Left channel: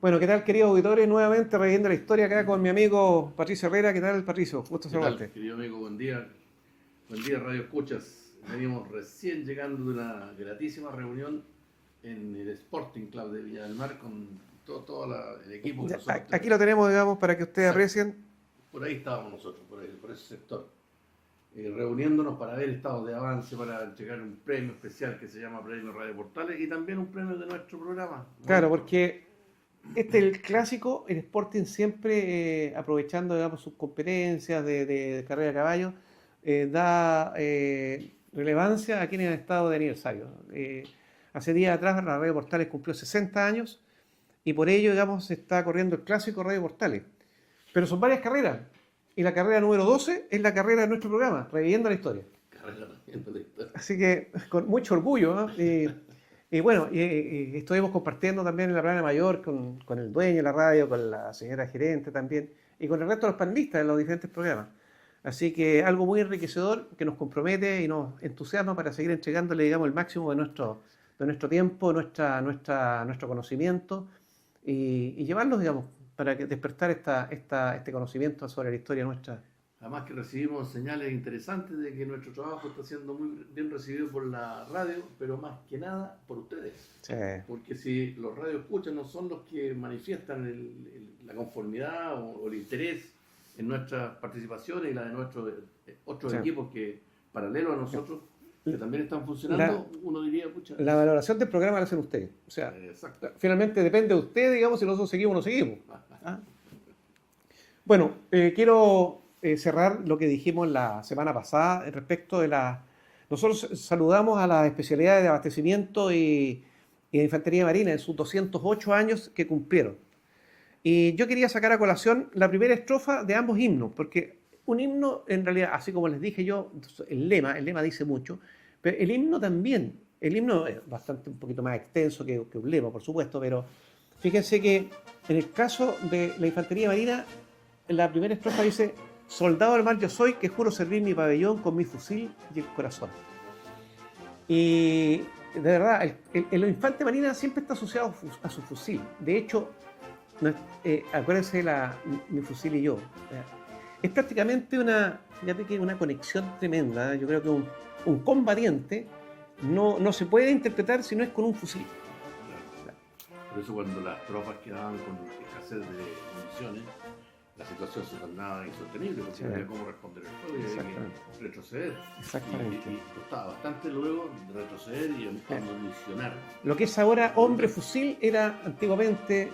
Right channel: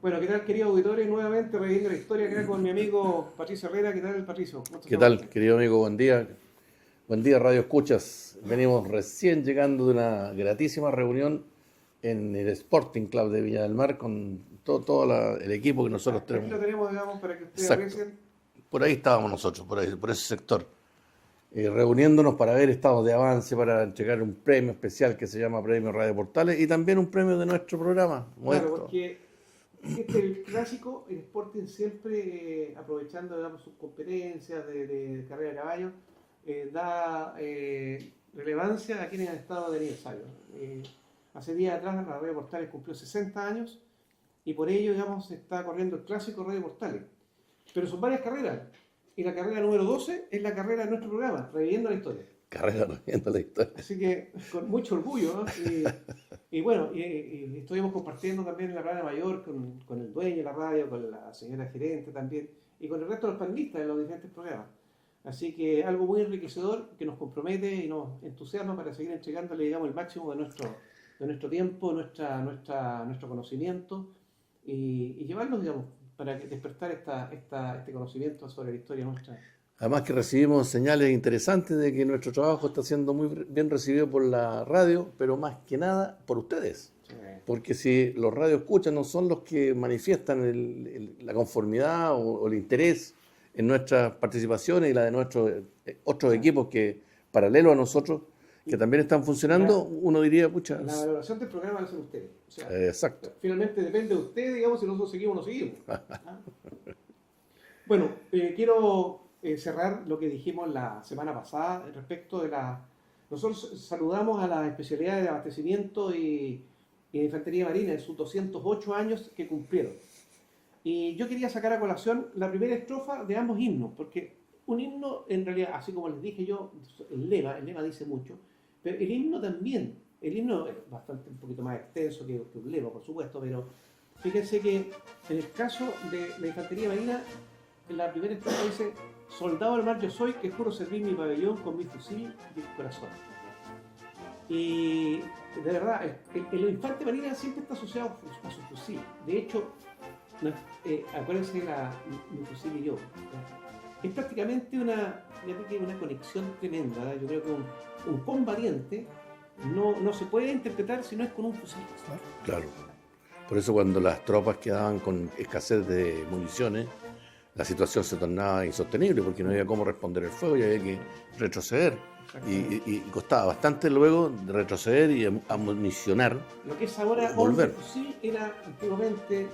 Bueno, ¿qué tal, queridos auditores? Nuevamente reviviendo la historia acá con mi amigo Patricio Herrera. ¿Qué tal, Patricio? Gusto ¿Qué tal, saludarte. querido amigo? Buen día. Buen día, Radio Escuchas. Venimos recién llegando de una gratísima reunión en el Sporting Club de Viña del Mar con el equipo que nosotros Aquí tenemos. lo tenemos, digamos, para que ustedes Exacto. aprecien. Por ahí estábamos nosotros, por ahí, por ese sector. Reuniéndonos para ver estados de avance, para entregar un premio especial que se llama Premio Radio Portales y también un premio de nuestro programa. Claro, Momento. porque este es el clásico, el Sporting siempre aprovechando, digamos, sus competencias de carrera de caballo, da relevancia a quienes han estado de aniversario. Hace días atrás la Radio Portales cumplió 60 años y por ello, digamos, se está corriendo el clásico Radio Portales. Pero son varias carreras. Y la carrera número 12 es la carrera de nuestro programa, Reviviendo la Historia. Carrera reviendo la historia. Así que con mucho orgullo, ¿no? Y bueno, estuvimos compartiendo también en la plana mayor con el dueño de la radio, con la señora gerente también, y con el resto de los panelistas de los diferentes programas. Así que algo muy enriquecedor que nos compromete y nos entusiasma para seguir entregándole, digamos, el máximo de nuestro tiempo, nuestro conocimiento y llevarlos, digamos, para despertar este conocimiento sobre la historia nuestra. Además que recibimos señales interesantes de que nuestro trabajo está siendo muy bien recibido por la radio, pero más que nada por ustedes. Sí. Porque si los radioescuchas no son los que manifiestan la conformidad o el interés en nuestras participaciones y la de nuestros otros Sí. equipos que, paralelo a nosotros, que también están funcionando, uno diría, pucha, La valoración del programa la hacen ustedes. O sea, exacto. finalmente depende de usted, digamos, si nosotros seguimos o no seguimos. ¿Ah? Bueno, quiero cerrar lo que dijimos la semana pasada respecto de la... Nosotros saludamos a las especialidades de abastecimiento y de infantería marina en sus 208 años que cumplieron. Y yo quería sacar a colación la primera estrofa de ambos himnos, porque un himno, en realidad, así como les dije yo, el lema dice mucho, pero el himno también. El himno es bastante un poquito más extenso que un lema, por supuesto, pero fíjense que en el caso de la infantería marina, la primera estrofa dice: soldado al mar yo soy, que juro servir mi pabellón con mi fusil y el corazón. Y de verdad, el infante marina siempre está asociado a su fusil. De hecho, acuérdense de mi fusil y yo. Es prácticamente una conexión tremenda. Yo creo que un combatiente no se puede interpretar si no es con un fusil. Claro. Por eso cuando las tropas quedaban con escasez de municiones, la situación se tornaba insostenible porque no había cómo responder el fuego y había que retroceder. Y costaba bastante luego retroceder y amunicionar. Lo que es ahora volver. hombre fusil era antiguamente,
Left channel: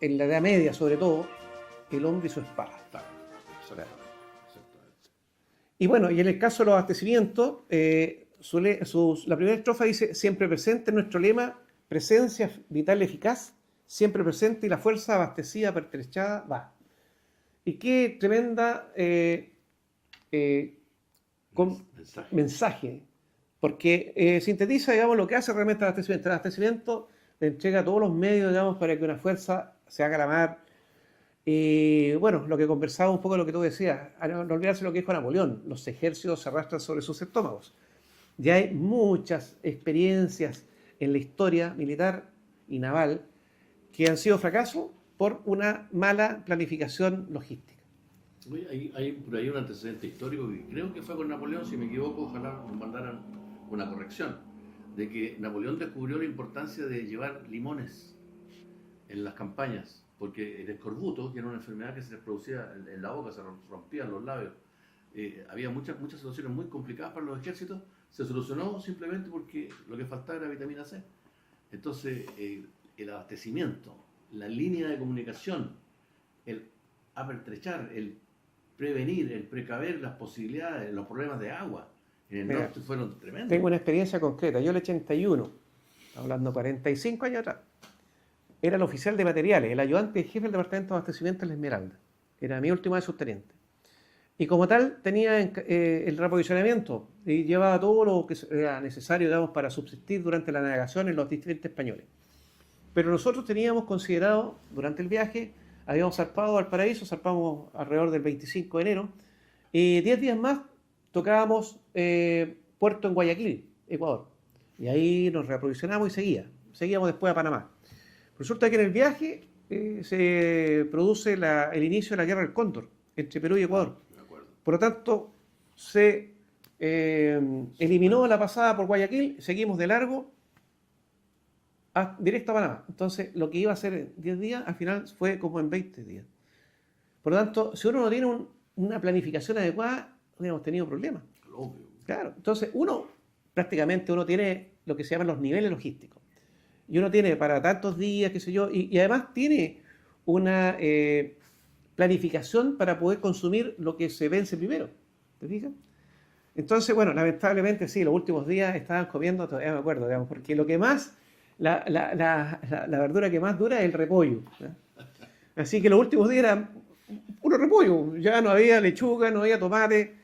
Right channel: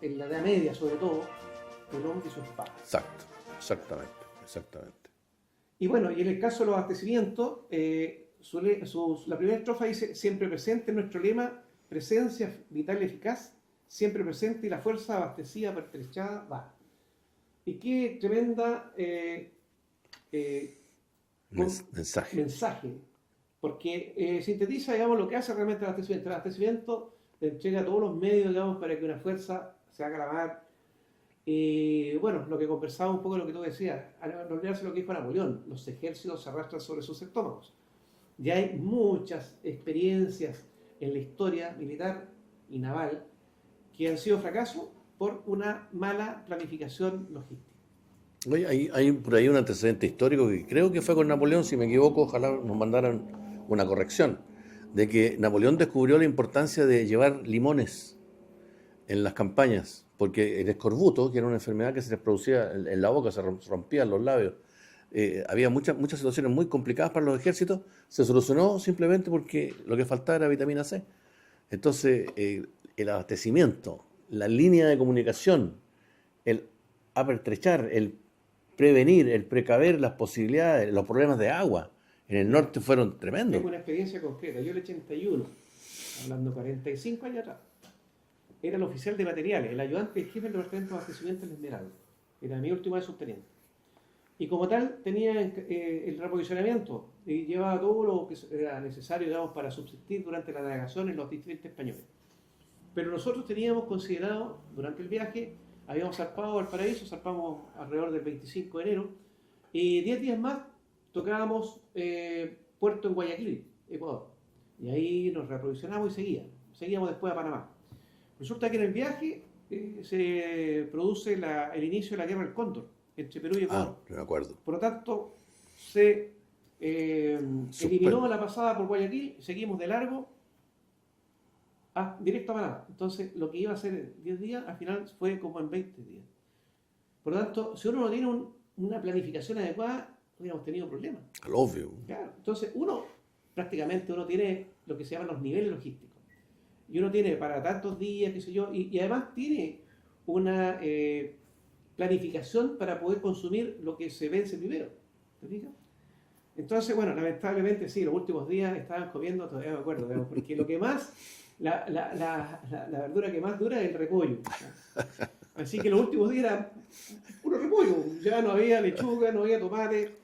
en la Edad Media sobre todo, el hombre y su espada. Exactamente. Y bueno, y en el caso de los abastecimientos, la primera estrofa dice: siempre presente en nuestro lema, presencia vital eficaz, siempre presente y la fuerza abastecida, pertrechada, va. Y qué tremenda mensaje, porque sintetiza, digamos, lo que hace realmente el abastecimiento. El abastecimiento le entrega todos los medios, digamos, para que una fuerza se haga la mar. Y bueno, lo que conversaba un poco de lo que tú decías, no olvidarse lo que dijo Napoleón: los ejércitos se arrastran sobre sus estómagos. Ya hay muchas experiencias en la historia militar y naval que han sido fracasos por una mala planificación logística. Oye, hay por ahí un antecedente histórico que creo que fue con Napoleón, si me equivoco, ojalá nos mandaran una corrección, de que Napoleón descubrió la importancia de llevar limones en las campañas, porque el escorbuto, que era una enfermedad que se les producía en la boca, se rompían los labios, había muchas situaciones muy complicadas para los ejércitos, se solucionó simplemente porque lo que faltaba era vitamina C. Entonces, el abastecimiento, la línea de comunicación, el apertrechar, el prevenir, el precaver las posibilidades, los problemas de agua en el norte fueron tremendos. Tengo una experiencia concreta. Yo en el 81, hablando 45 años atrás, era el oficial de materiales, el ayudante jefe del departamento de abastecimiento en la Esmeralda. Era mi último de subteniente. Y como tal, tenía el reaprovisionamiento y llevaba todo lo que era necesario, digamos, para subsistir durante la navegación en los distritos españoles. Pero nosotros teníamos considerado, durante el viaje, habíamos zarpado al Paraíso, zarpamos alrededor del 25 de enero, y 10 días más tocábamos puerto en Guayaquil, Ecuador. Y ahí nos reaprovisionamos y seguíamos después a Panamá. Resulta que en el viaje se produce el inicio de la guerra del Cóndor entre Perú y Ecuador. Me acuerdo. Por lo tanto, se eliminó la pasada por Guayaquil, seguimos de largo directo a Panamá. Entonces, lo que iba a ser en 10 días, al final fue como en 20 días. Por lo tanto, si uno no tiene una planificación adecuada, hubiéramos tenido problemas. Obvio. Claro. Entonces, prácticamente uno tiene lo que se llaman los niveles logísticos. Y uno tiene para tantos días, qué sé yo, y además tiene una planificación para poder consumir lo que se vence primero. ¿Te fijas? Entonces, bueno, lamentablemente sí, los últimos días estaban comiendo, todavía me acuerdo, digamos, porque lo que más, la verdura que más dura es el repollo. ¿Ya? Así que los últimos días eran puro repollo, ya no había lechuga, no había tomate.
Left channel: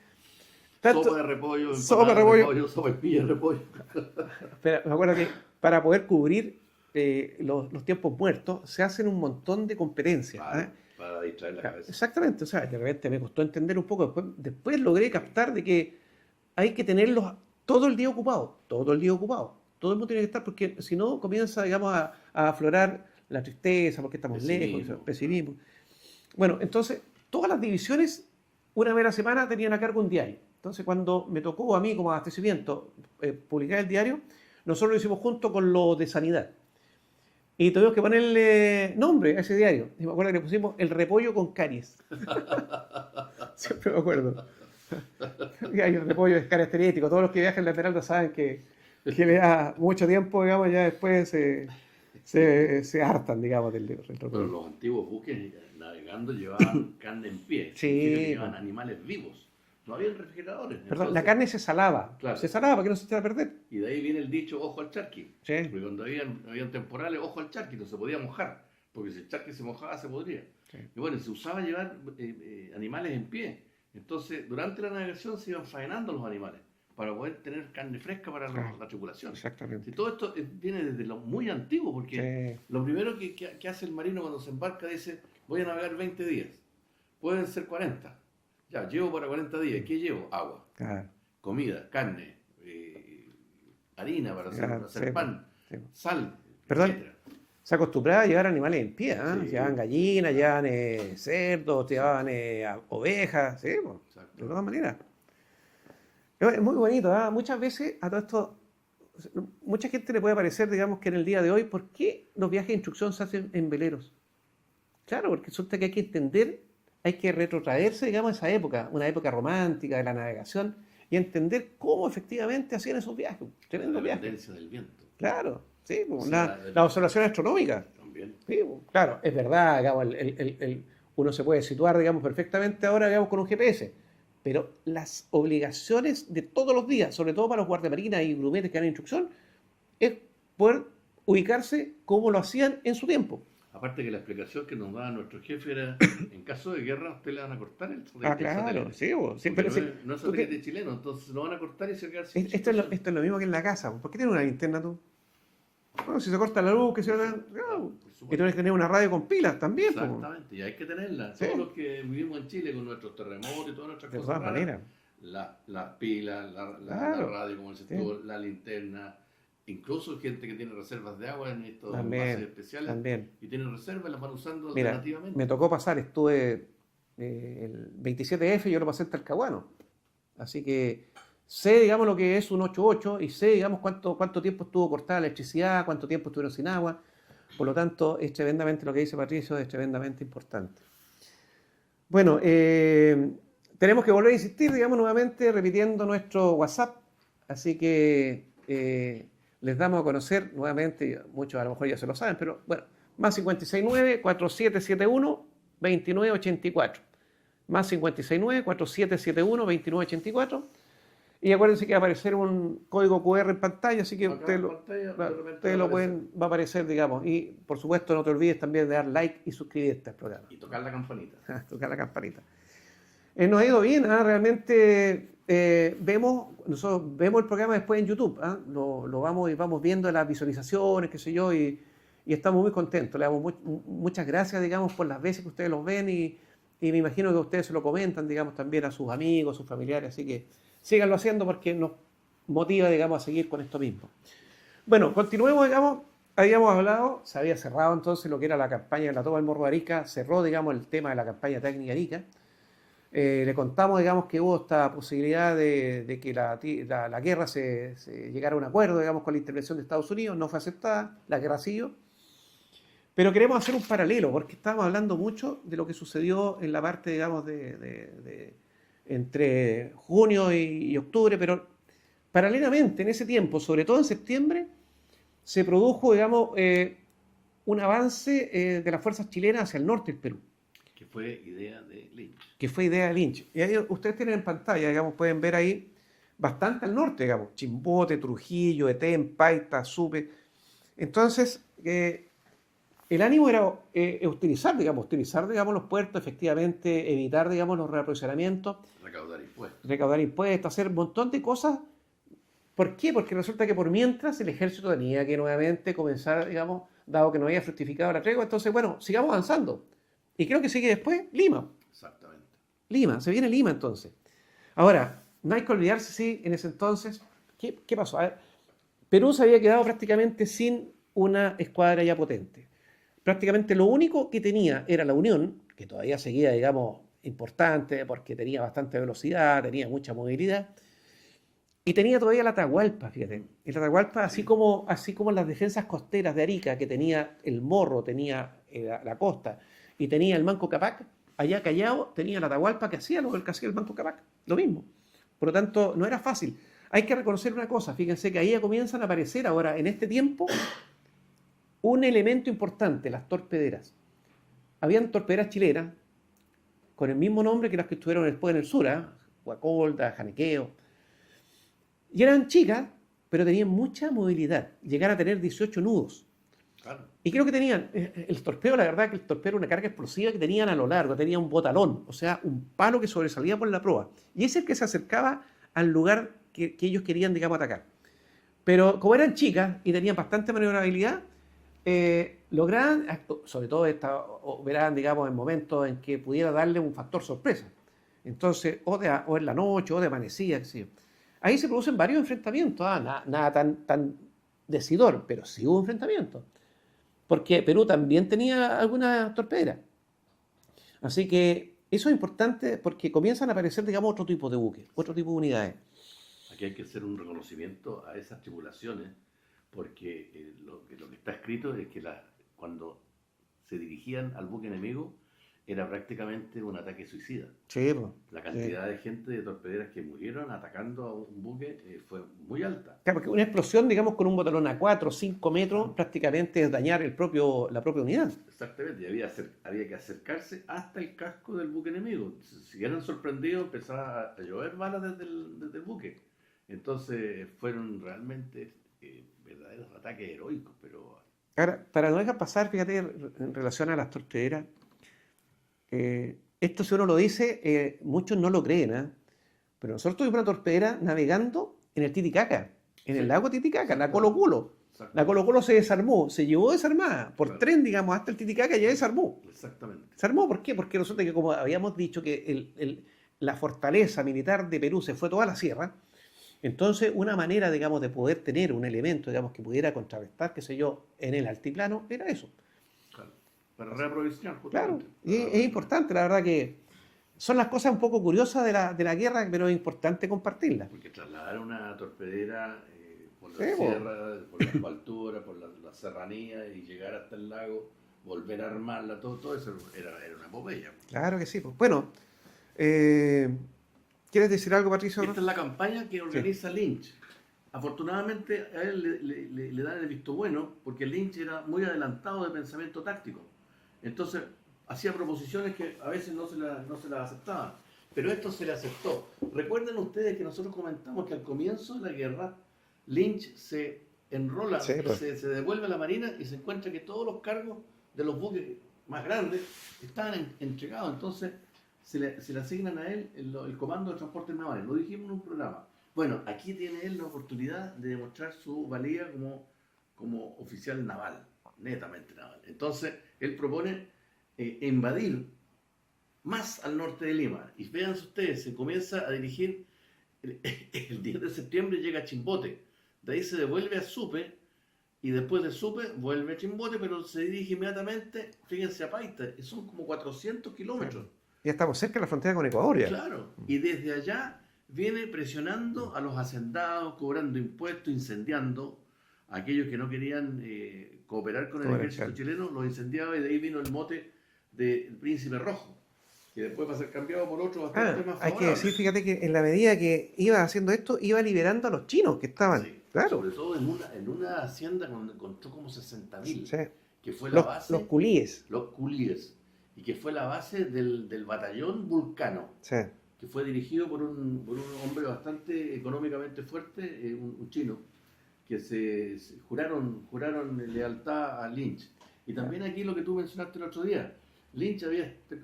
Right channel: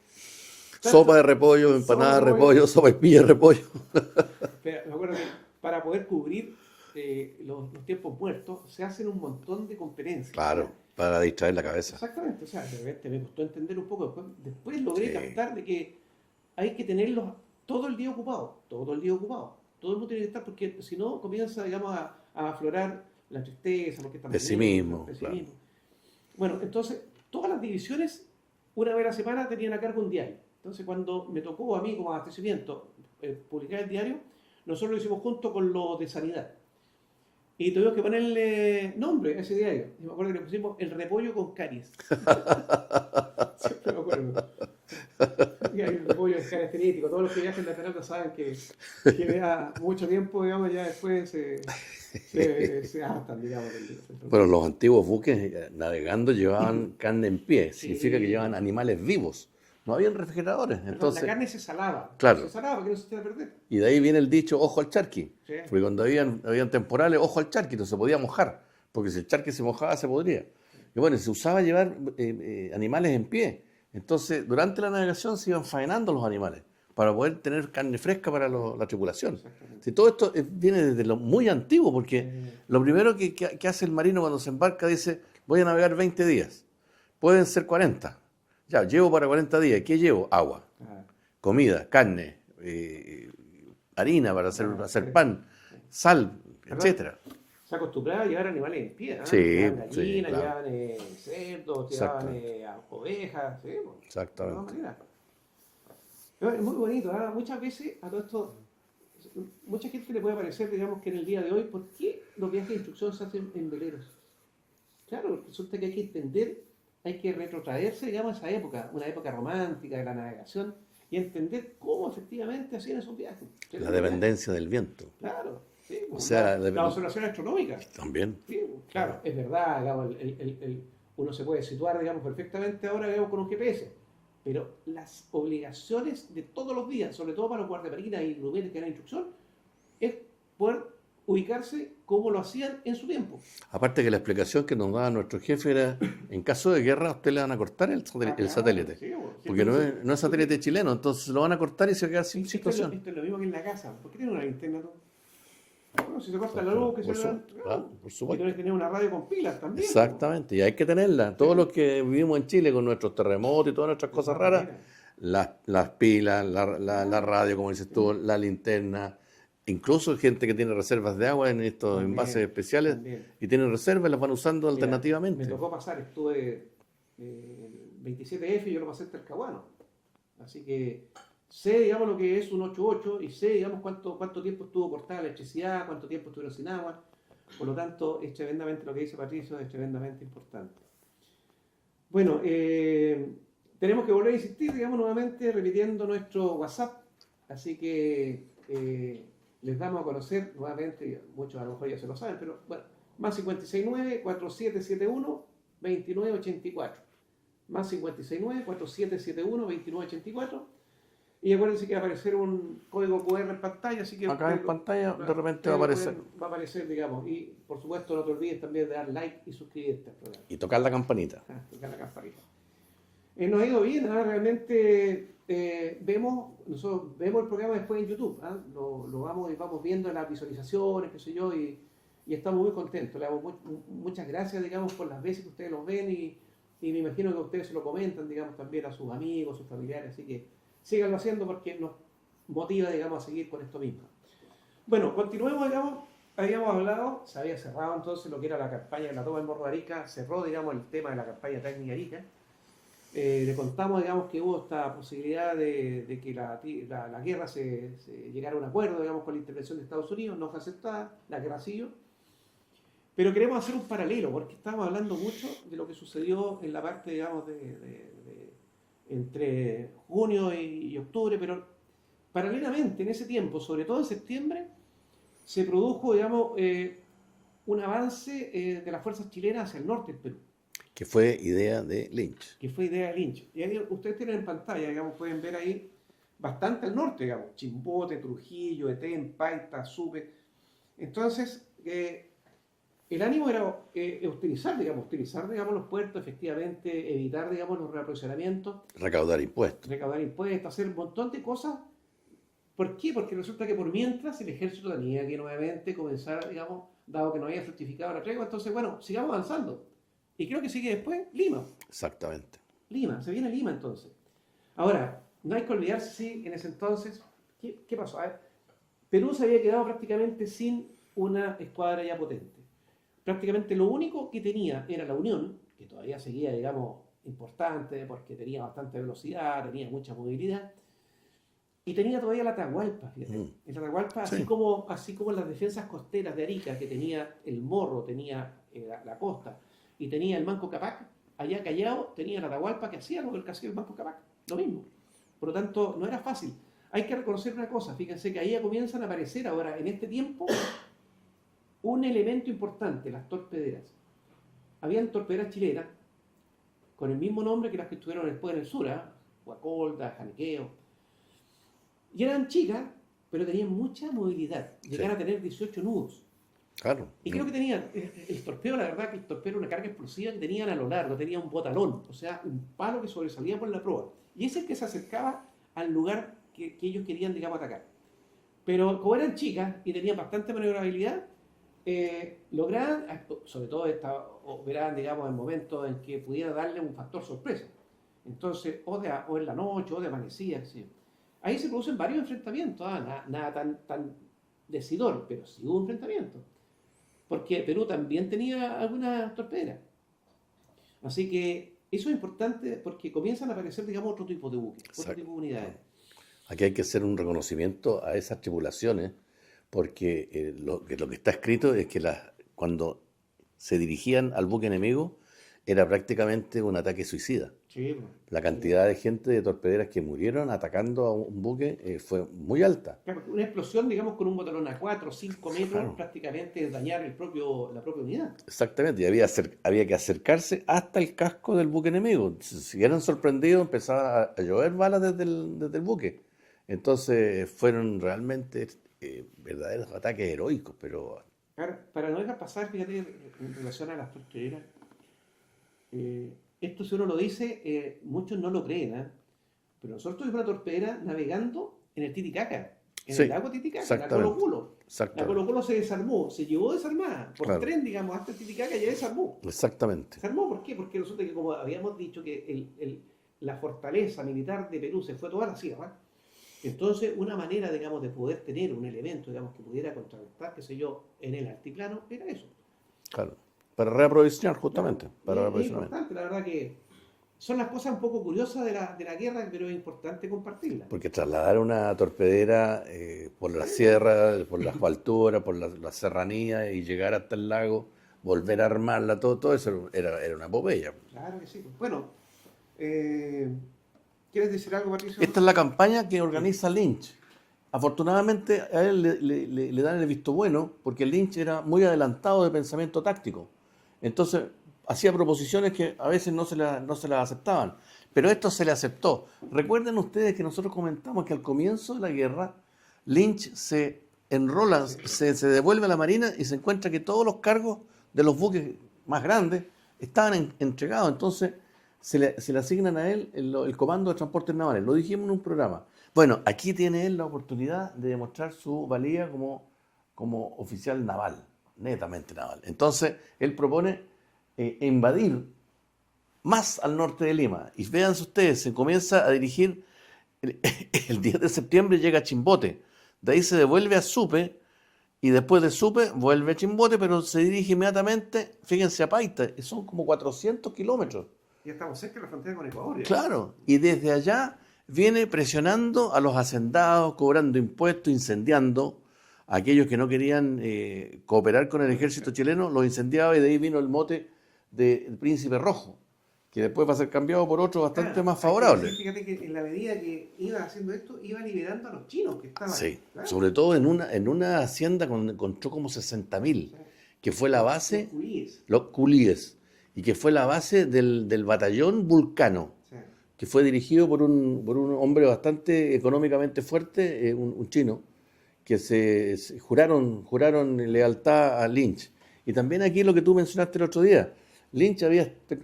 Sopa de repollo, empanada de repollo, sopa y pilla de repollo. Pero me acuerdo que para poder cubrir los tiempos muertos se hacen un montón de competencias. Claro, ¿sabes? para distraer la cabeza. Exactamente, o sea, de repente me costó entender un poco, después logré captar de que hay que tenerlos todo el día ocupados, todo el día ocupados. Todo el mundo tiene que estar porque si no comienza, digamos, a aflorar la tristeza, porque estamos Pesimismo. pesimismo. Claro. Bueno, entonces, todas las divisiones, una vez a la semana, tenían a cargo un diario. Entonces, cuando me tocó a mí como abastecimiento publicar el diario, nosotros lo hicimos junto con lo de sanidad. Y tuvimos que ponerle nombre a ese diario. Y me acuerdo que le pusimos el repollo con caries. Siempre me acuerdo. El repollo es característico. Todos los que viajan en la Esmeralda saben que le da mucho tiempo, digamos, ya después se hartan, digamos, del repollo. Pero los antiguos buques navegando llevaban carne en pie. Sí. Significa que llevaban animales vivos. No había refrigeradores. Perdón, Entonces, la carne se salaba. Claro. Se salaba para que no se echara a perder. Y de ahí viene el dicho, ojo al charqui. Sí. Porque cuando habían temporales, ojo al charqui, no se podía mojar. Porque si el charqui se mojaba, se podría. Sí. Y bueno, se usaba llevar animales en pie. Entonces, durante la navegación se iban faenando los animales para poder tener carne fresca para la tripulación. Exactamente. Si todo esto viene desde lo muy antiguo, porque lo primero que hace el marino cuando se embarca dice, voy a navegar 20 días. Pueden ser 40. Ya, llevo para 40 días. ¿Qué llevo? Agua, comida, carne, harina para hacer pan, sal, etcétera. Se acostumbraba a llevar animales en pie, ¿eh? Sí, llevaban gallinas, sí, claro. llevaban cerdos, llevaban ovejas, ¿sí? De Exactamente. todas maneras. Es muy bonito, ¿eh? Muchas veces a todo esto, mucha gente le puede parecer, digamos, que en el día de hoy, ¿por qué los viajes de instrucción se hacen en veleros? Claro, porque resulta que hay que entender, hay que retrotraerse, digamos, a esa época, una época romántica de la navegación, y entender cómo efectivamente hacían esos viajes. La dependencia del viento. Las sea, observaciones astronómicas. También. Sí, claro, es verdad, digamos, uno se puede situar, digamos, perfectamente ahora, digamos, con un GPS, pero las obligaciones de todos los días, sobre todo para los guardiamarinas y grumetes que dan instrucción, es poder ubicarse como lo hacían en su tiempo. Aparte que la explicación que nos daba nuestro jefe era, en caso de guerra, a usted le van a cortar el satélite. Sí, porque no es satélite chileno, entonces lo van a cortar y se queda sin situación. Esto es lo mismo que en la casa. ¿Por qué tienes una linterna tú? Bueno, si se corta la luz, que se y tienes que tener una radio con pilas también. Exactamente, y hay que tenerla. Todos los que vivimos en Chile con nuestros terremotos y todas nuestras cosas raras, las pilas, la radio, como dices tú, la linterna, incluso gente que tiene reservas de agua en estos envases especiales y tienen reservas, las van usando alternativamente. Me tocó pasar, estuve el 27F y yo lo pasé en Talcahuano. Así que sé, digamos, lo que es un 8.8 y sé, digamos, cuánto tiempo estuvo cortada la electricidad, cuánto tiempo estuvieron sin agua. Por lo tanto, es tremendamente lo que dice Patricio, es tremendamente importante. Bueno, tenemos que volver a insistir, digamos, nuevamente repitiendo nuestro WhatsApp. Así que les damos a conocer nuevamente, muchos a lo mejor ya se lo saben, pero bueno, más 569-4771-2984. Más 569-4771-2984. Y acuérdense que va a aparecer un código QR en pantalla, así que acá en pantalla de repente va a aparecer, digamos. Y por supuesto no te olvides también de dar like y suscribirte al programa. Y tocar la campanita. Tocar la campanita. Nos ha ido bien, realmente nosotros vemos el programa después en YouTube, lo vamos viendo las visualizaciones, qué sé yo, y estamos muy contentos. Le damos muchas gracias, digamos, por las veces que ustedes los ven y me imagino que ustedes se lo comentan, digamos, también a sus amigos, sus familiares, así que síganlo haciendo porque nos motiva, digamos, a seguir con esto mismo. Bueno, continuemos, digamos, habíamos hablado, se había cerrado entonces lo que era la campaña de la toma del Morro de Arica, cerró, digamos, el tema de la campaña técnica Arica. Le contamos, digamos, que hubo esta posibilidad de que la guerra se llegara a un acuerdo, digamos, con la intervención de Estados Unidos, no fue aceptada, la guerra siguió. Pero queremos hacer un paralelo, porque estábamos hablando mucho de lo que sucedió en la parte, digamos, entre junio y octubre, pero paralelamente en ese tiempo, sobre todo en septiembre, se produjo, digamos, un avance de las fuerzas chilenas hacia el norte del Perú, Que fue idea de Lynch. que fue idea de Lynch. Y ahí ustedes tienen en pantalla, digamos, pueden ver ahí bastante al norte, digamos, Chimbote, Trujillo, Etén, Paita, Supe. Entonces, el ánimo era utilizar, digamos, los puertos, efectivamente, evitar, digamos, los reaprovisionamientos, Recaudar impuestos. recaudar impuestos, hacer un montón de cosas. ¿Por qué? Porque resulta que por mientras el ejército tenía que nuevamente comenzar, digamos, dado que no había fructificado la tregua, entonces, bueno, sigamos avanzando. Y creo que sigue después Lima. Exactamente. Lima, se viene Lima entonces. Ahora, no hay que olvidarse, sí, en ese entonces, ¿qué pasó? A ver, Perú se había quedado prácticamente sin una escuadra ya potente. Prácticamente lo único que tenía era la Unión, que todavía seguía, digamos, importante porque tenía bastante velocidad, tenía mucha movilidad, y tenía todavía la Atahualpa, fíjate. El Atahualpa, Sí. así como las defensas costeras de Arica, que tenía el Morro, tenía la costa, y tenía el Manco Cápac, allá Callao tenía la Atahualpa que hacía lo que hacía el Manco Cápac, lo mismo. Por lo tanto, no era fácil. Hay que reconocer una cosa, fíjense que ahí ya comienzan a aparecer ahora, en este tiempo, un elemento importante, las torpederas. Habían torpederas chilenas con el mismo nombre que las que estuvieron después en el sur, Guacolda, Janiqueo. Y eran chicas, pero tenían mucha movilidad. Llegaron a tener 18 nudos. Claro. Y creo que tenían, el torpedo, la verdad que el torpedo era una carga explosiva que tenían a lo largo, tenía un botalón, o sea, un palo que sobresalía por la proa. Y ese es el que se acercaba al lugar que ellos querían, digamos, atacar. Pero como eran chicas y tenían bastante maniobrabilidad, lograban, sobre todo operaban, digamos, en momentos en que pudiera darle un factor sorpresa. Entonces, o en la noche, o de amanecida, qué sé yo. Ahí se producen varios enfrentamientos, nada tan decidor, pero sí hubo enfrentamientos. Porque Perú también tenía algunas torpederas. Así que eso es importante porque comienzan a aparecer, digamos, otro tipo de buques, otro Exacto. tipo de unidades. Aquí hay que hacer un reconocimiento a esas tripulaciones, porque lo que está escrito es que cuando se dirigían al buque enemigo era prácticamente un ataque suicida. Sí, pues, La sí. cantidad de gente de torpederas que murieron atacando a un buque fue muy alta. Claro, porque una explosión, digamos, con un botalón a 4 o 5 metros, Claro. prácticamente es dañar la propia unidad. Exactamente, y había que acercarse hasta el casco del buque enemigo. Si eran sorprendidos, empezaba a llover balas desde el buque. Entonces fueron realmente verdaderos ataques heroicos, pero Ahora, para no dejar pasar, fíjate, en relación a las torpederas, esto si uno lo dice, muchos no lo creen, ¿ah? Pero nosotros tuvimos una torpedera navegando en el Titicaca, en sí, el lago Titicaca, la exactamente, Colo Colo. La exactamente, Colo Colo se desarmó, se llevó desarmada por claro, tren, digamos, hasta el Titicaca y ya desarmó. exactamente, Se armó, ¿por qué? Porque resulta que, como habíamos dicho, que la fortaleza militar de Perú se fue toda la sierra. Entonces, una manera, digamos, de poder tener un elemento, digamos, que pudiera contrarrestar, qué sé yo, en el altiplano, era eso. claro. Para reaprovisionar, Claro, justamente. y Para es reaprovisionar. importante, la verdad que son las cosas un poco curiosas de la guerra, pero es importante compartirlas. Porque trasladar una torpedera por la Sí, sierra, por las alturas, por la serranía y llegar hasta el lago, volver a armarla, todo eso era una epopeya. claro que sí. Pues. Bueno, ¿quieres decir algo, Patricio? Esta es la campaña que Sí. organiza Lynch. Afortunadamente a él le dan el visto bueno porque Lynch era muy adelantado de pensamiento táctico. Entonces hacía proposiciones que a veces no se las aceptaban. Pero esto se le aceptó. Recuerden ustedes que nosotros comentamos que al comienzo de la guerra Lynch se enrola, Sí, pues. se devuelve a la Marina y se encuentra que todos los cargos de los buques más grandes estaban entregados. Entonces se le asignan a él el comando de transportes navales. Lo dijimos en un programa. Bueno, aquí tiene él la oportunidad de demostrar su valía como oficial naval, netamente naval. Entonces, él propone invadir más al norte de Lima. Y vean ustedes, se comienza a dirigir, el 10 de septiembre llega a Chimbote, de ahí se devuelve a Supe y después de Supe vuelve a Chimbote, pero se dirige inmediatamente, fíjense, a Paita, son como 400 kilómetros. Ya estamos cerca de la frontera con Ecuador. Ya. Claro, y desde allá viene presionando a los hacendados, cobrando impuestos, incendiando a aquellos que no querían cooperar con el ejército chileno, los incendiaba y de ahí vino el mote del Príncipe Rojo, que después va a ser cambiado por otro bastante más favorable. Sí, fíjate que en la medida que iba haciendo esto, iba liberando a los chinos que estaban. Sí, claro. Sobre todo en una hacienda donde encontró como 60.000, Sí. que fue la base... Los culíes. Los culíes, y que fue la base del batallón Vulcano, Sí. que fue dirigido por un hombre bastante económicamente fuerte, un chino, que se juraron lealtad a Lynch. Y también aquí lo que tú mencionaste el otro día, Lynch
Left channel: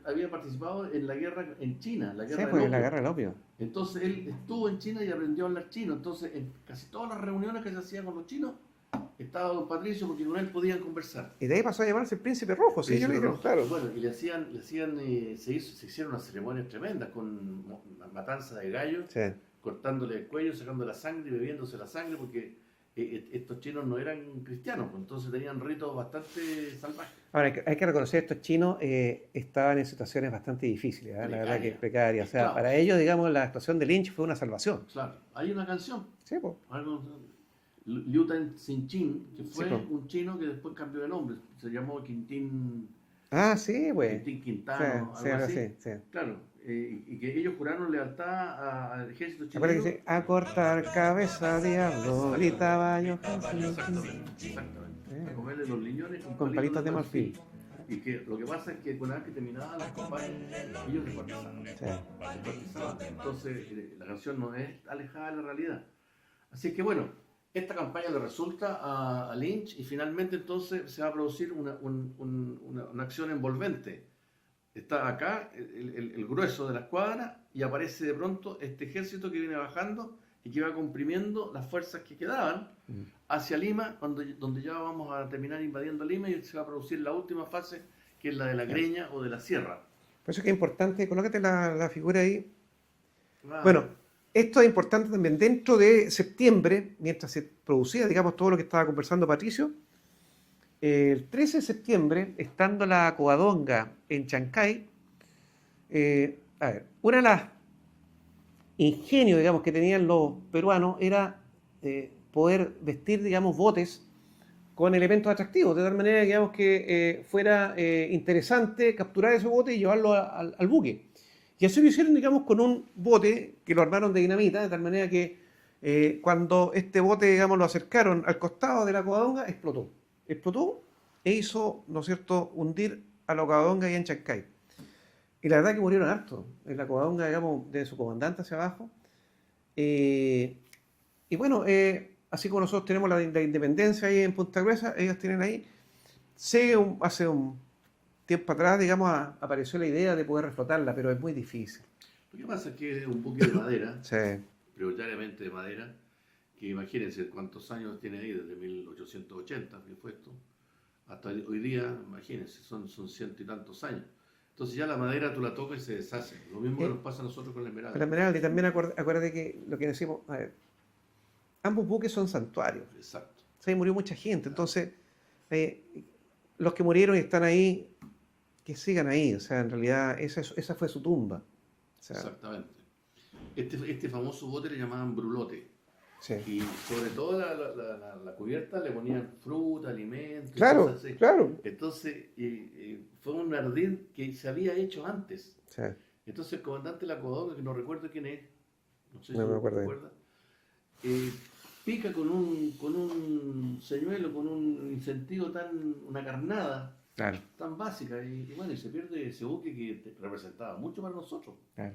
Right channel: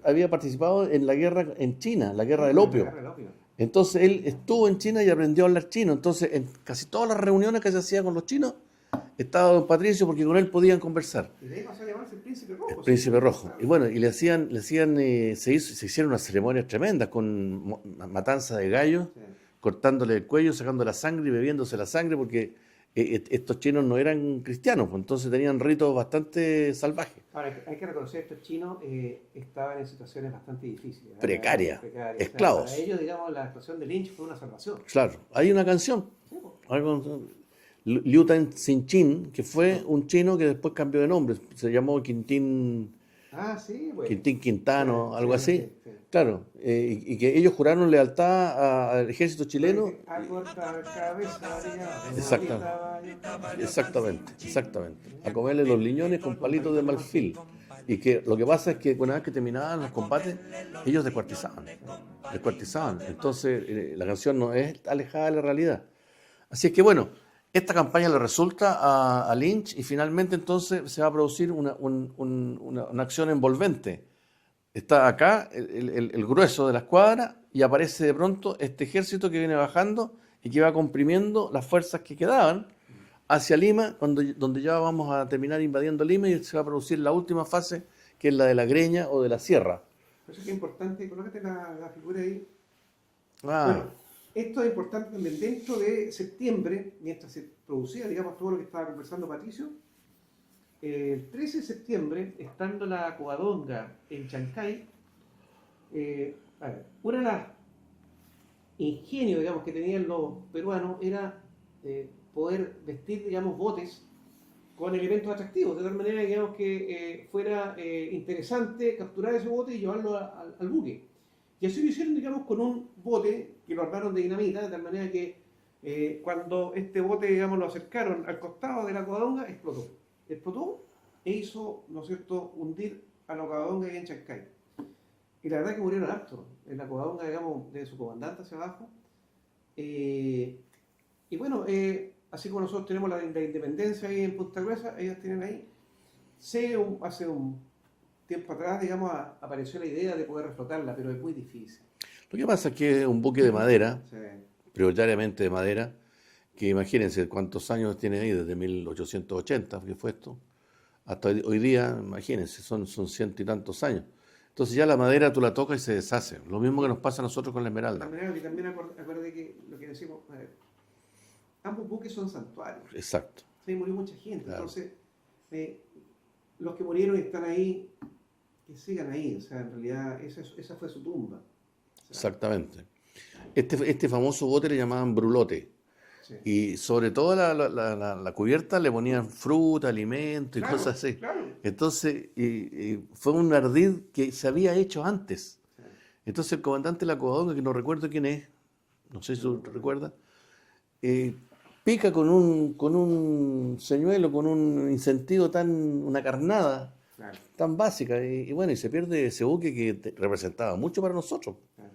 había participado en la guerra en China, la guerra del opio. La guerra del opio. Entonces él estuvo en China y aprendió a hablar chino. Entonces en casi todas las reuniones que se hacían con los chinos, estaba don Patricio porque con él podían conversar. Y de ahí pasó a llamarse el Príncipe Rojo. El Príncipe Rojo. Claro. Y bueno, y se hicieron unas ceremonias tremendas con matanza de gallos, sí, cortándole el cuello, sacando la sangre y bebiéndose la sangre porque estos chinos no eran cristianos, pues, entonces tenían ritos bastante salvajes. Ahora, hay que reconocer que estos chinos estaban en situaciones bastante difíciles. Precarias. O sea, para ellos, digamos, la actuación de Lynch fue una salvación. Claro. Hay una canción. Sí, pues. Liu Tan Sin Chin, que fue un chino que después cambió de nombre, se llamó Quintín. Ah, sí, güey. Quintín Quintano, sí, algo así. Sí. Claro, y que ellos juraron lealtad al ejército chileno. A cortar cabeza, diablo, gritaba yo. Exactamente. A comerle los liñones con palitos de marfil. Y que lo que pasa es que una vez que terminaban los combates, ellos descuartizaban. Entonces, la canción no es alejada de la realidad. Así es que bueno, esta campaña le resulta a Lynch y finalmente entonces se va a producir una acción envolvente. Está acá el grueso de la escuadra y aparece de pronto este ejército que viene bajando y que va comprimiendo las fuerzas que quedaban hacia Lima, donde ya vamos a terminar invadiendo Lima y se va a producir la última fase, que es la de la Greña o de la Sierra. Por eso es que es importante, colócate la figura ahí. Bueno, esto es importante también. Dentro de septiembre, mientras se producía, digamos, todo lo que estaba conversando Patricio, el 13 de septiembre, estando la Covadonga en Chancay, una de las ingenios, digamos, que tenían los peruanos era poder vestir, digamos, botes con elementos atractivos, de tal manera, digamos, que fuera interesante capturar esos botes y llevarlos al buque. Y eso lo hicieron, digamos, con un bote que lo armaron de dinamita, de tal manera que cuando este bote, digamos, lo acercaron al costado de la Covadonga, explotó e hizo, ¿no es cierto?, hundir a la Covadonga ahí en Chancay. Y la verdad que murieron hartos en la Covadonga, digamos, de su comandante hacia abajo. Y bueno, así como nosotros tenemos la independencia ahí en Punta Gruesa, ellos tienen ahí. Hace un tiempo atrás, digamos, apareció la idea de poder reflotarla, pero es muy difícil. Lo que pasa es que es un buque de madera, sí, prioritariamente de madera, que imagínense cuántos años tiene ahí, desde 1880, que fue esto, hasta hoy día, imagínense, son ciento y tantos años. Entonces ya la madera tú la tocas y se deshace. Lo mismo que nos pasa a nosotros con la Esmeralda. La Esmeralda, y también acuérdate que lo que decimos, ambos buques son santuarios. Exacto. O sea, ahí murió mucha gente. Claro. Entonces, los que murieron y están ahí, que sigan ahí. O sea, en realidad esa fue su tumba. O sea, exactamente. Este famoso bote le llamaban brulote. Sí. Y sobre todo la cubierta le ponían fruta, alimentos y cosas así. Claro. Entonces, fue un ardid que se había hecho antes. Sí. Entonces el comandante de la Covadonga, que no recuerdo quién es, no sé si recuerda, pica con un señuelo, con un incentivo una carnada, claro, tan básica. Y bueno, y se pierde ese buque que representaba mucho para nosotros. Claro.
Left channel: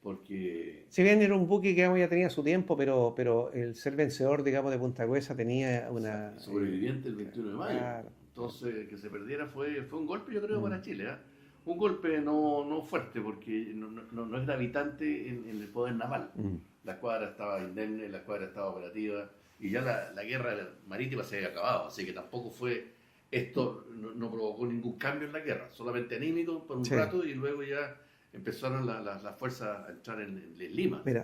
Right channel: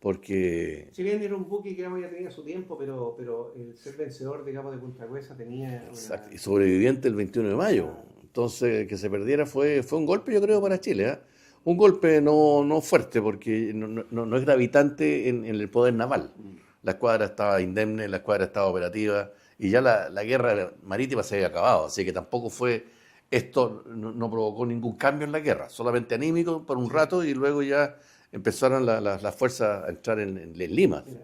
Porque... Si bien era un buque que ya tenía su tiempo, pero el ser vencedor, digamos, de Punta Gruesa tenía una... Y sobreviviente el 21 de mayo. Claro. Entonces, que se perdiera fue un golpe, yo creo, para Chile. ¿Eh? Un golpe no fuerte, porque no es gravitante en el poder naval. La escuadra estaba indemne, la escuadra estaba operativa, y ya la guerra marítima se había acabado. Así que tampoco esto no provocó ningún cambio en la guerra. Solamente anímico por un rato, y luego ya empezaron las fuerzas a entrar en Lima. Mira,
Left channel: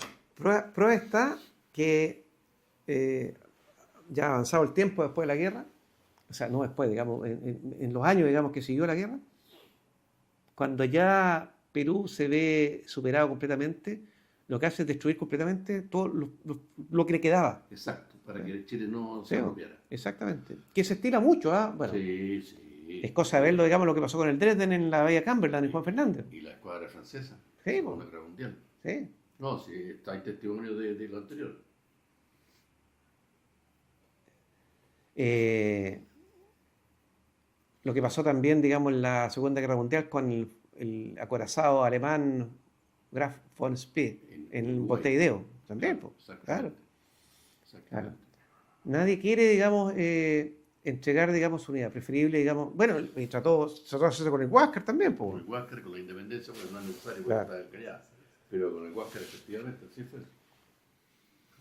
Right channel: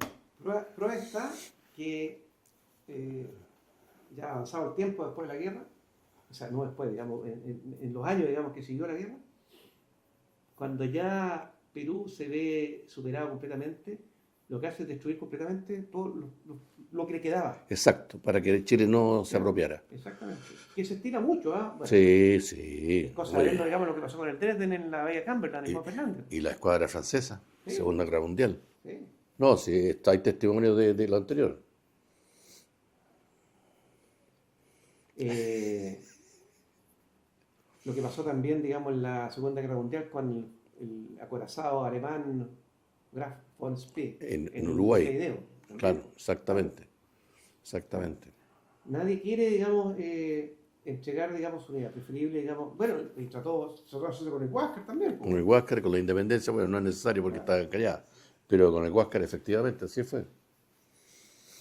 prueba está que ya avanzado el tiempo después de la guerra, o sea, no después, digamos, en los años, digamos, que siguió la guerra, cuando ya Perú se ve superado completamente, lo que hace es destruir completamente todo lo que le quedaba. Exacto, para que Chile no se Claro, apropiara. exactamente. Que se estila mucho, ¿ah? Bueno, Sí, es sí. cosa de verlo, digamos, lo que pasó con el Dresden en la Bahía Cumberland y Juan Fernández. Y la escuadra francesa, Sí, pues, Segunda Guerra Mundial. sí. No, sí, hay testimonio de lo anterior. Eh, lo que pasó también, digamos, en la Segunda Guerra Mundial con el acorazado alemán Graf von Spee En en Uruguay. Montevideo. También, Claro, pues, claro, exactamente. claro. Exactamente. Nadie quiere, digamos, entregar, digamos, su unidad. Preferible, digamos, bueno, y trató de hacerse con el Huáscar también, pues, Con el bueno. Huáscar, con la independencia, bueno, no es necesario porque Claro. está callada. Pero con el Huáscar, efectivamente, así fue.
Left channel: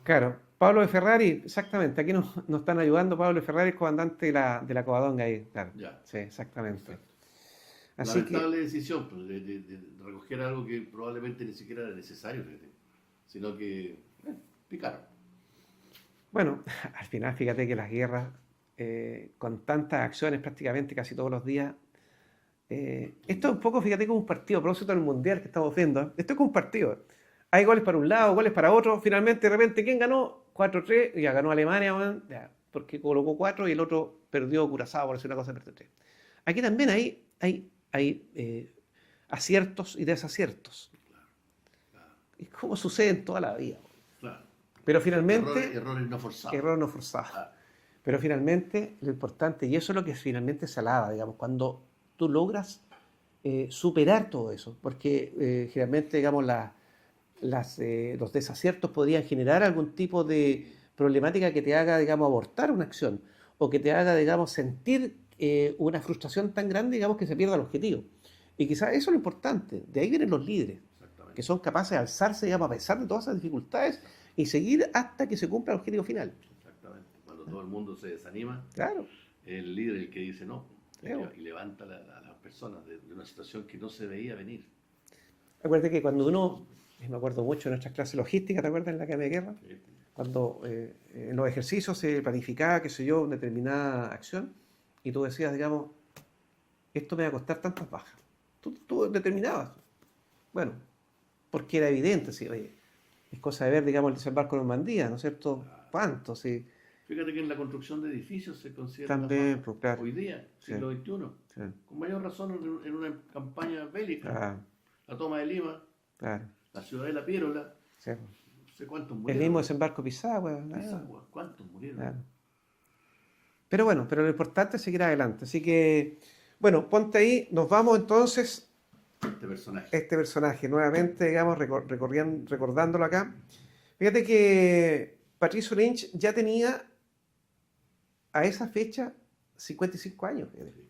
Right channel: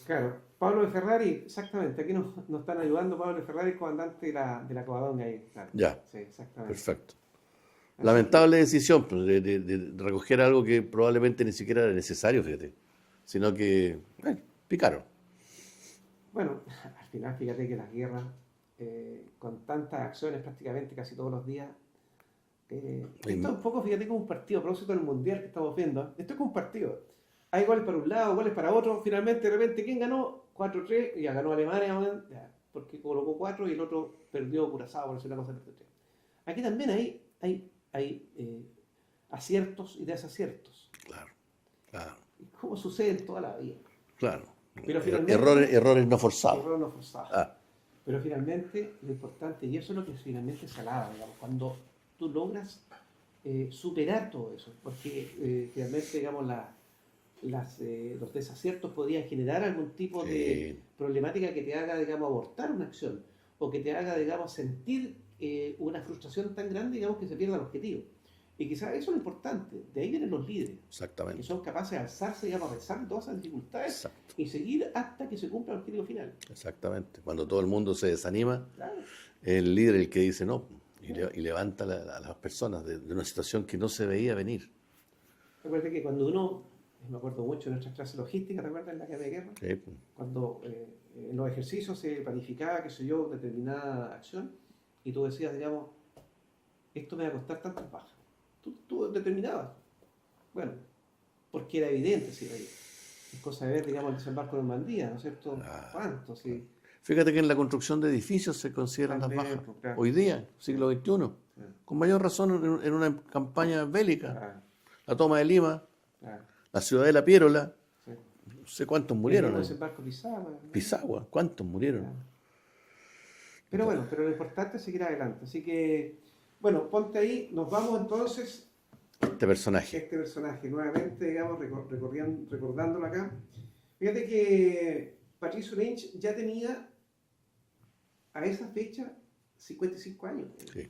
Claro, Pablo de Ferrari, exactamente. Aquí nos están ayudando. Pablo de Ferrari, el comandante de la Covadonga ahí. Claro. Ya, Sí, exactamente. perfecto. Así que, Lamentable decisión pues, de recoger algo que probablemente ni siquiera era necesario, fíjate. Sino que, picaron. bueno, al final, fíjate que las guerras, con tantas acciones prácticamente casi todos los días, esto es un poco, fíjate, como un partido, a propósito del mundial que estamos viendo. Esto es como un partido. Hay goles para un lado, goles para otro. Finalmente, de repente, ¿quién ganó? 4-3, ya ganó Alemania, man, ya, porque colocó 4 y el otro perdió Curazao, por decir una cosa, perdió 3. Aquí también hay aciertos y desaciertos. Claro, claro, Y como sucede en toda la vida. claro. Pero finalmente, Errores no forzados. error no forzado. Ah, Pero finalmente, lo importante, y eso es lo que finalmente se alaba, digamos, cuando tú logras superar todo eso, porque generalmente, digamos, los desaciertos podrían generar algún tipo de sí, problemática que te haga, digamos, abortar una acción, o que te haga, digamos, sentir una frustración tan grande, digamos, que se pierda el objetivo. Y quizás eso es lo importante, de ahí vienen los líderes, que exactamente. son capaces de alzarse, digamos, a pesar de todas esas dificultades Exacto, y seguir hasta que se cumpla el objetivo final. exactamente. Cuando todo el mundo se desanima, Claro. el líder el que dice no Claro. y levanta a las personas de una situación que no se veía venir. Acuérdate que cuando uno, me acuerdo mucho de nuestras clases logísticas, ¿te acuerdas en la Academia de Guerra? Sí, Cuando en los ejercicios se planificaba, qué sé yo, determinada acción, y tú decías, digamos, esto me va a costar tantas bajas. Tú determinabas. Bueno, porque era evidente, sí, oye, es cosa de ver, digamos, el desembarco en Normandía, ¿no es cierto? ah, ¿Cuánto? Sí, fíjate que en la construcción de edificios se consideran las también, bajas. pues, claro, Hoy día, sí, siglo XXI, sí, con mayor razón en una campaña bélica. claro, La toma de Lima, claro, la ciudadela Piérola, sí. no sé cuántos El mismo murieron. desembarco de Pisagua, Pisagua, ¿cuántos murieron? claro. Pero bueno, pero lo importante es seguir adelante. Así que, bueno, ponte ahí, nos vamos entonces Este personaje. este personaje, nuevamente, digamos, recordándolo acá. Fíjate que Patricio Lynch ya tenía a esa fecha 55 años. Sí.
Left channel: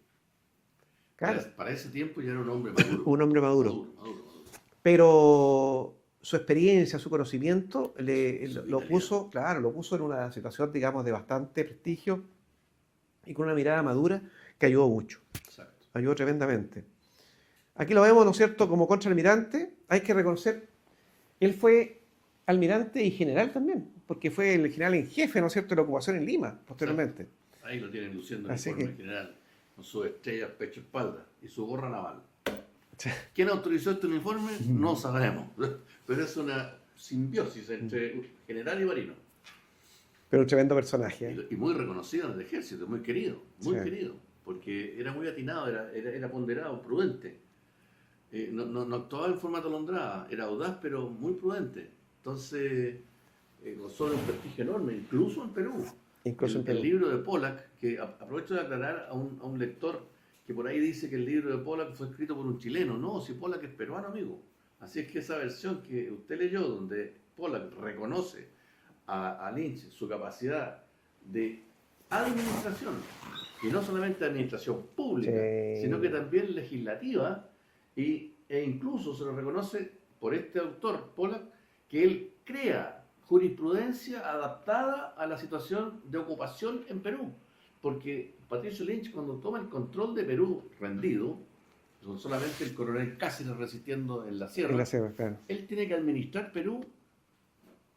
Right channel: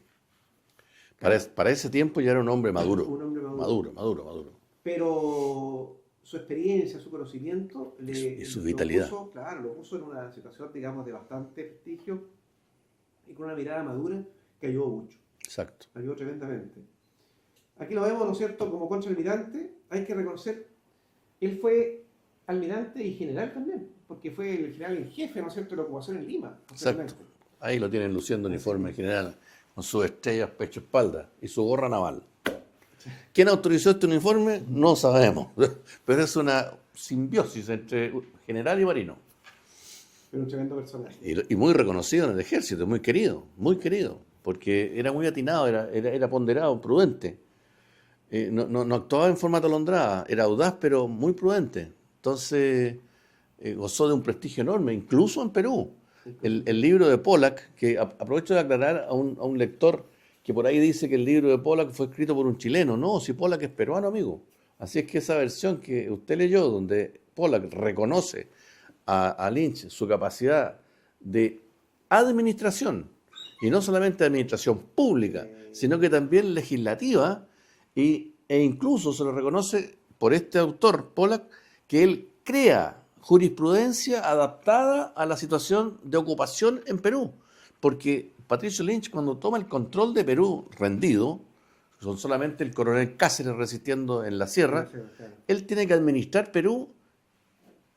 Claro, Para ese tiempo ya era un hombre maduro. un hombre maduro. Maduro. Pero su experiencia, su conocimiento Y su lo vitalidad. puso, claro, lo puso en una situación, digamos, de bastante prestigio y con una mirada madura que ayudó mucho, Exacto. ayudó tremendamente. Aquí lo vemos, ¿no es cierto?, como contraalmirante. Hay que reconocer, él fue almirante y general también, porque fue el general en jefe, ¿no es cierto?, de la ocupación en Lima, posteriormente. Ahí lo tienen luciendo Así uniforme que- general, con sus estrellas pecho-espalda y su gorra naval. ¿Quién autorizó este uniforme? No sabemos. Pero es una simbiosis entre general y marino. Pero un tremendo personaje. Y muy reconocido en el ejército, muy Sí. querido, porque era muy atinado, era ponderado, prudente. No actuaba en forma atolondrada, era audaz pero muy prudente. Entonces gozó de un prestigio enorme, incluso en Perú. Incluso en El Perú. libro de Pollack, que aprovecho de aclarar a un lector que por ahí dice que el libro de Pollack fue escrito por un chileno. No, si Pollack es peruano, amigo. Así es que esa versión que usted leyó, donde Pollack reconoce a Lynch su capacidad de administración, y no solamente administración pública, Sí. sino que también legislativa, e incluso se lo reconoce por este autor, Pollack, que él crea jurisprudencia adaptada a la situación de ocupación en Perú. Porque Patricio Lynch, cuando toma el control de Perú rendido, son solamente el coronel Cáceres resistiendo en la sierra, Claro. él tiene que administrar Perú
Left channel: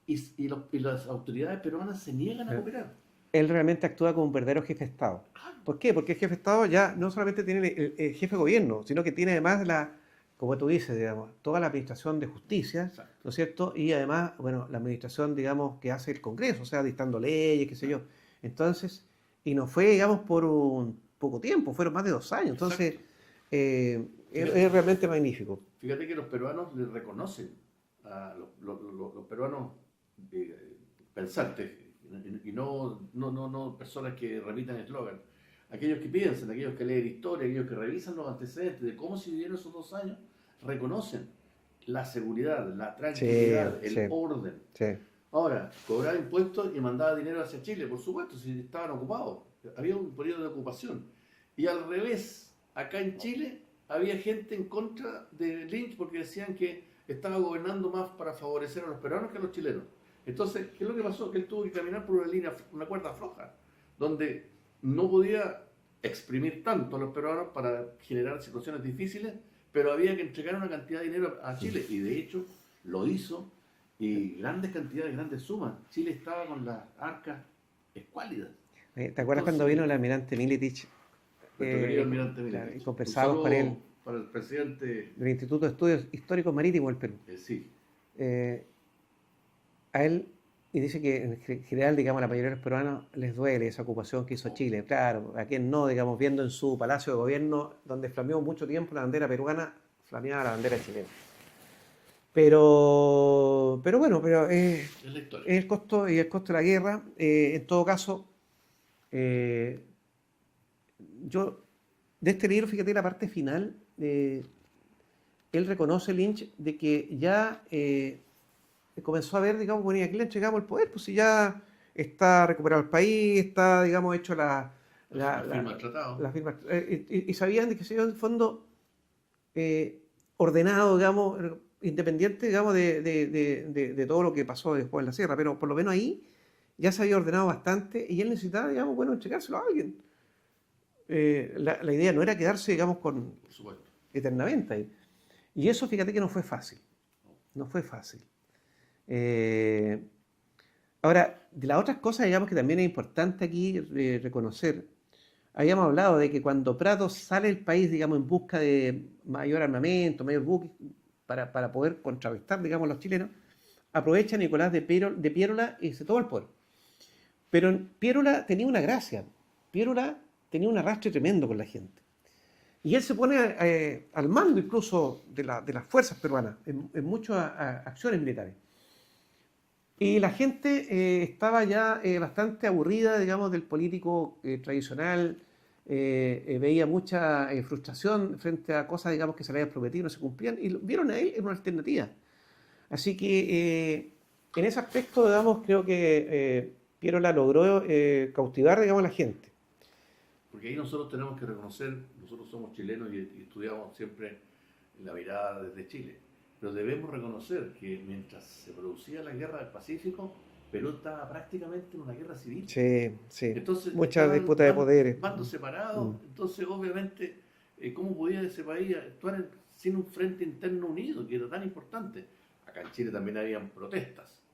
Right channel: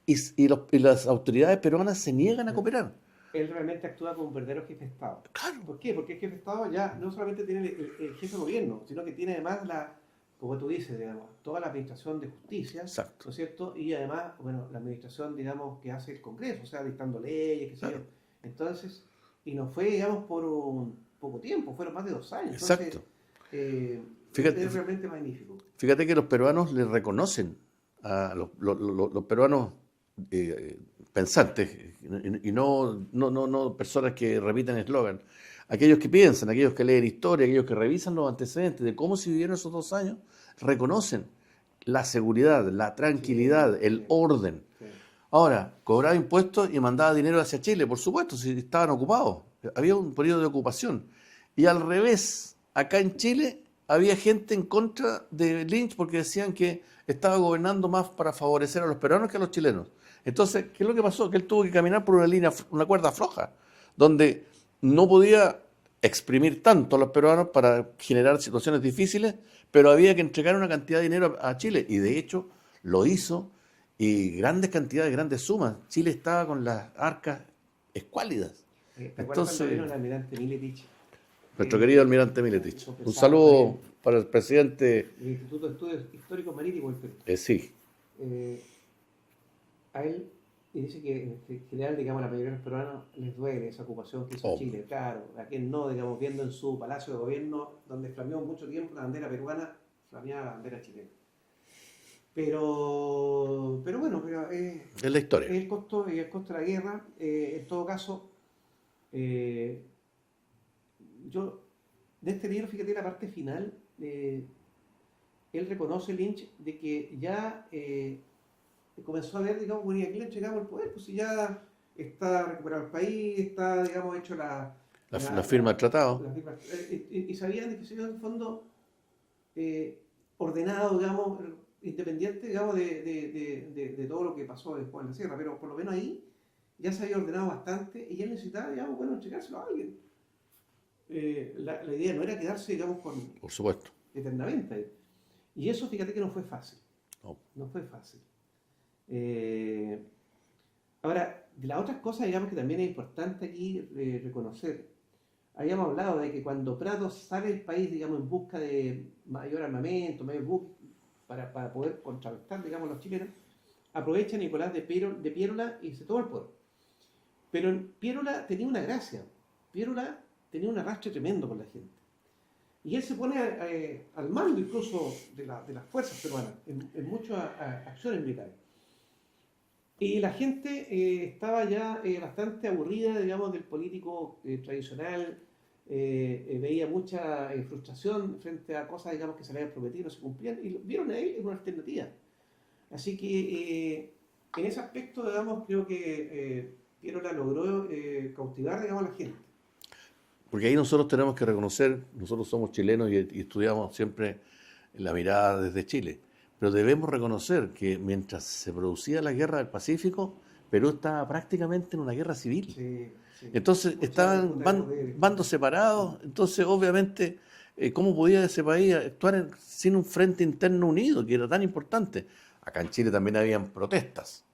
y las autoridades peruanas se niegan a cooperar. él realmente actúa como un verdadero jefe de Estado. Claro, ¿Por qué? Porque el jefe de Estado ya no solamente tiene el jefe de gobierno, sino que tiene además como tú dices, digamos, toda la administración de justicia, exacto. ¿no es cierto? Y además, bueno, la administración, digamos, que hace el Congreso, o sea, dictando leyes, qué sé yo. Entonces, y no fue, digamos, por un poco tiempo, fueron más de 2 años. Entonces, Exacto. es Fíjate, realmente magnífico. fíjate que los peruanos le reconocen a los peruanos pensantes y no personas que repiten eslogan. Aquellos que piensan, aquellos que leen historia, aquellos que revisan los antecedentes de cómo se vivieron esos 2 años, reconocen la seguridad, la Sí, tranquilidad, sí, el orden. sí. Ahora, cobraba impuestos y mandaba dinero hacia Chile, por supuesto, si estaban ocupados. Había un periodo de ocupación. Y al revés, acá en Chile había gente en contra de Lynch porque decían que estaba gobernando más para favorecer a los peruanos que a los chilenos. Entonces, ¿qué es lo que pasó? Que él tuvo que caminar por una línea, una cuerda floja, donde no podía exprimir tanto a los peruanos para generar situaciones difíciles, pero había que entregar una cantidad de dinero a Chile. Y de hecho, lo hizo y grandes cantidades, grandes sumas. Chile estaba con las arcas escuálidas. ¿Te acuerdas cuando vino Entonces, el almirante Militich? nuestro querido Eh, almirante y Miletich. Un conversábamos con él saludo para el presidente. del Instituto de Estudios Históricos Marítimos del Perú. Sí, Eh, a él, y dice que en general, digamos, la mayoría de los peruanos les duele esa ocupación que hizo obvio. Chile. Claro, a quien no, digamos, viendo en su palacio de gobierno, donde flameó mucho tiempo la bandera peruana, flameaba la bandera chilena. Pero bueno, Es la historia. es el costo y el costo de la guerra. En todo caso, eh, yo, de este libro, fíjate la parte final, él reconoce, Lynch, de que ya comenzó a ver, digamos, bueno, ¿y a quién le entregamos el poder? Pues si ya está recuperado el país, está, digamos, hecho La firma del tratado. la firma, y sabían de que se iba en fondo ordenado, digamos, independiente, digamos, de todo lo que pasó después en la sierra, pero por lo menos ahí ya se había ordenado bastante y él necesitaba, digamos, bueno, entregárselo a alguien. La idea no era quedarse, digamos, con Por supuesto. eternamente ahí. Y eso, fíjate que no fue fácil, No. no fue fácil. Eh, Ahora, de las otras cosas, digamos, que también es importante aquí reconocer, habíamos hablado de que cuando Prados sale del país, digamos, en busca de mayor armamento, mayor buques, para poder contrarrestar, digamos, los chilenos, aprovecha Nicolás de Piérola y se toma el poder. Pero Piérola tenía una gracia, Piérola tenía un arrastre tremendo con la gente. Y él se pone al mando incluso de las fuerzas peruanas en muchas acciones militares. Y la gente estaba ya bastante aburrida, digamos, del político tradicional, veía mucha frustración frente a cosas, digamos, que se le habían prometido y no se cumplían, y vieron a él en una alternativa. Así que en ese aspecto, digamos, creo que Piérola logró cautivar, digamos, a la gente. Porque ahí nosotros tenemos que reconocer, nosotros somos chilenos y estudiamos siempre la mirada desde Chile, pero debemos reconocer que mientras se producía la guerra del Pacífico, Perú estaba prácticamente en una guerra civil. Sí, sí. Entonces Mucha estaban disputa de poderes. bandos separados, Mm. entonces obviamente, ¿cómo podía ese país actuar sin un frente interno unido, que era tan importante? Acá en Chile también habían protestas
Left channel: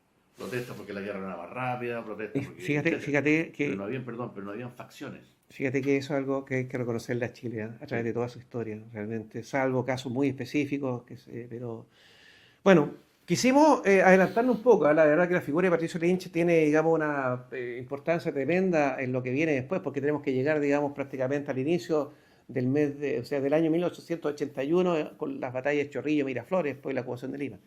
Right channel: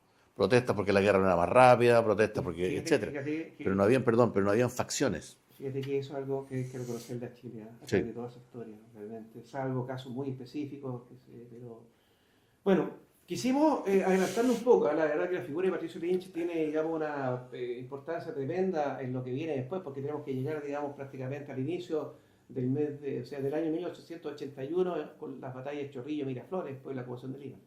porque la guerra no era más rápida, protestas Y porque, fíjate, etcétera. fíjate Pero que no habían, perdón, pero no habían facciones. Fíjate que eso es algo que hay que reconocerle a Chile, a través Sí. de toda su historia, realmente, salvo casos muy específicos, pero bueno, quisimos adelantarnos un poco, la verdad que la figura de Patricio Lynch tiene, digamos, una importancia tremenda en lo que viene después, porque tenemos que llegar, digamos, prácticamente al inicio del o sea, del año 1881, con las batallas de Chorrillo, Miraflores, después la ocupación de Lima.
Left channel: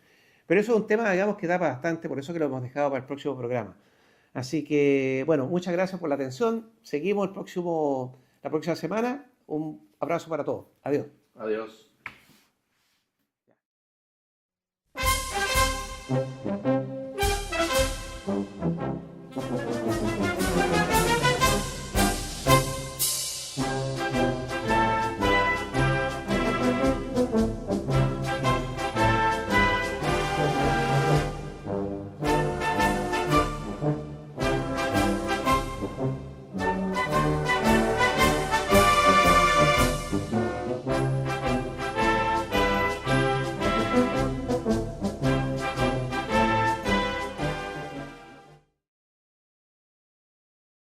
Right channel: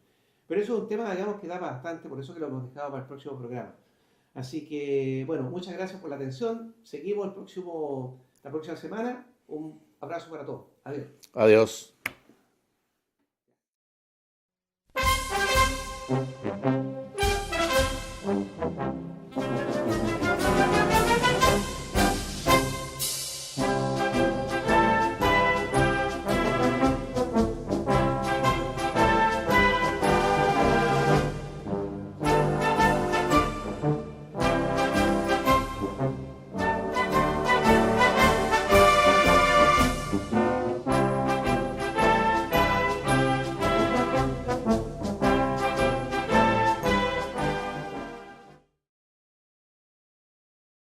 Pero eso es un tema, digamos, que da para bastante, por eso que lo hemos dejado para el próximo programa. Así que, bueno, muchas gracias por la atención. Seguimos la próxima semana. Un abrazo para todos. Adiós. Adiós.